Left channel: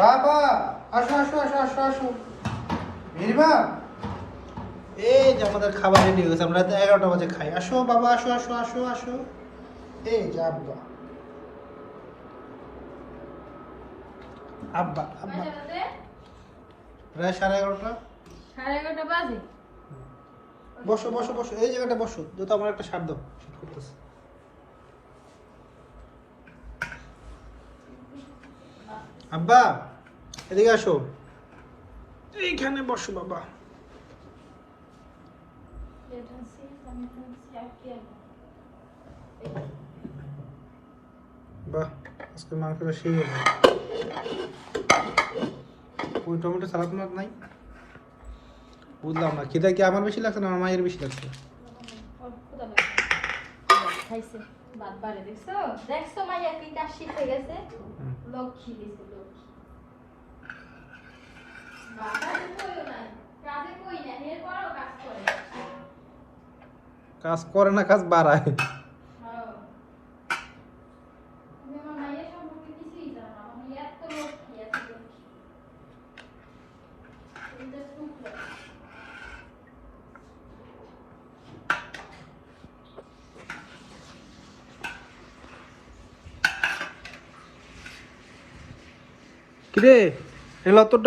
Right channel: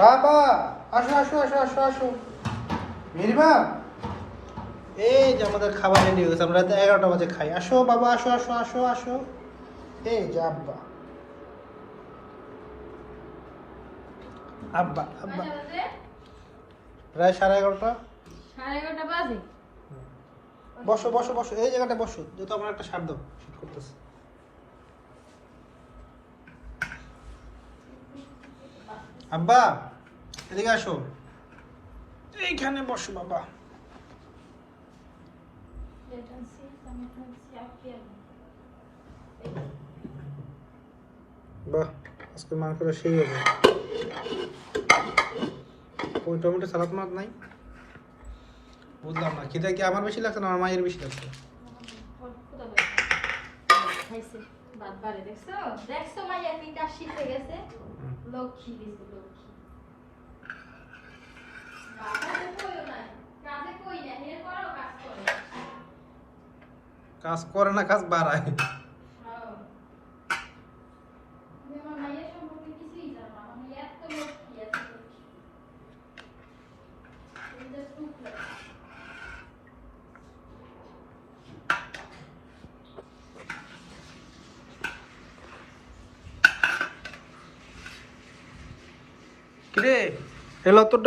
বাবা আসো আসো আসো আসো আসো নীলিমা, এই যে আমাদের খাবার রেডি হয়েছে, আমরা রাত 11টা বাজে খাই। আসো বাবা, আসো আসো আসো আসো। এই যে আব্বা আব্বা আব্বা, প্রায় 11:30। 11:30 বাজে। বসো বসো বসো, এই জায়গাটা বসো, যেহেতু আমার একটা শব্দ শীত করতেছে। আব্বা এদিকে আসো, এইখানে বসো বাবা। বাহ, আজকে মাংসটা সেই হবে। ওই টমেটো সালাদ মাত নাই, বুঝলাম না। খিদা কি আমার বেশি লাগছে না আমার মায়ের বেশি লাগছে? খাইছে ভাত বাড়ে, দেখছো দেখছো মাইয়া কি কাজ শিখে গেছে। লক্ষ্মী দিছে লক্ষ্মী। কাজে কই না, এরপরও কাজ করে। কাজ করে না, কাজ বাড়ায়। কিরে এলো তোর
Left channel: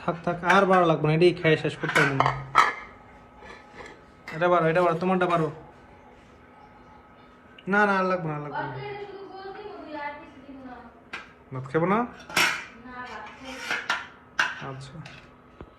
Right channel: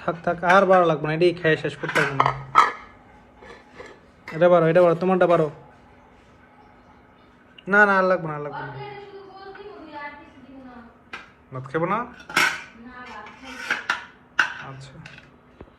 থাক থাক, আর ভালো লাগবে না, এটাই খেয়ে শেষ করতে হবে না। এটা বারো তোমারটা বারো। না না, আর লাগবে না, আর লাগবে না। ভাত খাবো না? আচ্ছা।